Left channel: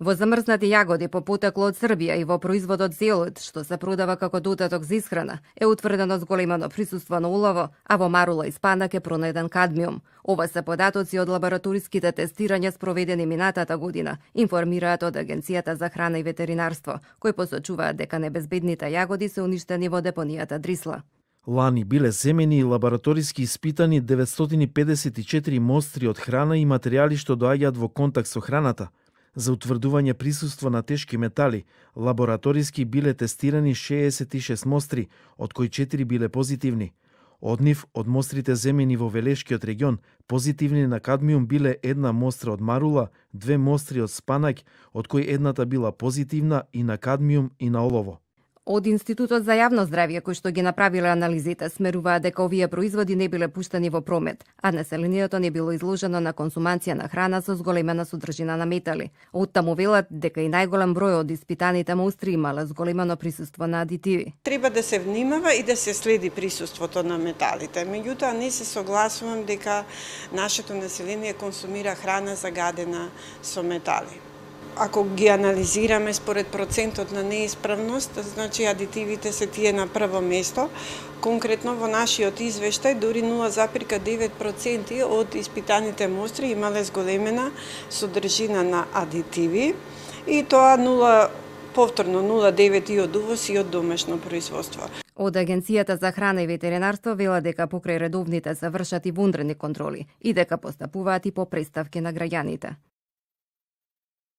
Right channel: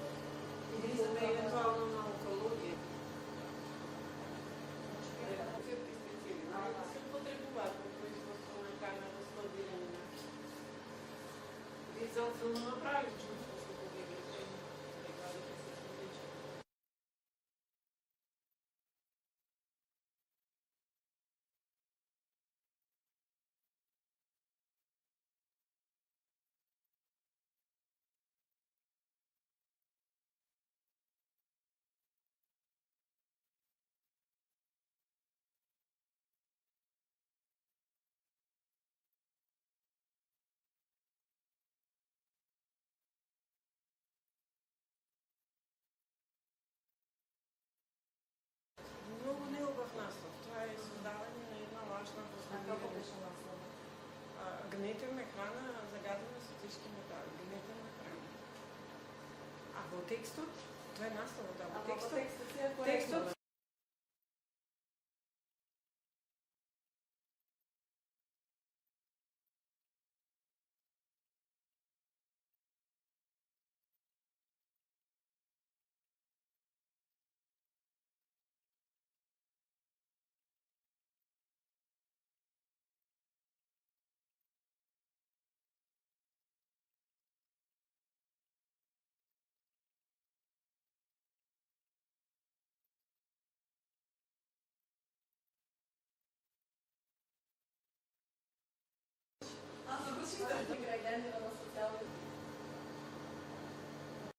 Во замрзнати јагоди по потекло од Србија и во производот зелот, што се продава како додаток за исхрана, е утврдено зголемено присуство на улово, а во марула и спанак е пронајден кадмиум. Ова се податоци од лабораториските тестирања спроведени минатата година, информираат од Агенцијата за храна и ветеринарство, кои посочуваат дека небезбедните јагоди се уништени во депонијата Дрисла. Лани биле земени и лабораториски испитани 954 мостри од храна и материјали што доаѓаат во контакт со храната. За утврдување присуство на тешки метали, лабораториски биле тестирани 66 мостри, од кои 4 биле позитивни. Од нив, од мострите земени во Велешкиот регион, позитивни на кадмиум биле една мостра од марула, 2 мостри од спанак, од кои едната била позитивна и на кадмиум и на олово. Од Институтот за јавно здравје, кои што ги направиле анализите, смеруваат дека овие производи не биле пуштени во промет, а населението не било изложено на консумација на храна со зголемена содржина на метали. Оттаму велат дека и најголем број од испитаните мостри имале зголемено присуство на адитиви. Треба да се внимава и да се следи присуството на металите. Меѓутоа, не се согласувам дека нашето население консумира храна загадена со метали. Ако ги анализираме според процентот на неисправност, значи адитивите се тие на прво место. Конкретно во нашиот извештај, дури 0,9% од испитаните мостри имале зголемена содржина на адитиви и тоа повторно 0,9 и од увоз и од домашно производство. Од Агенцијата за храна и ветеринарство вела дека покрај редовните се вршат и вонредни контроли и дека постапуваат и по преставки на граѓаните.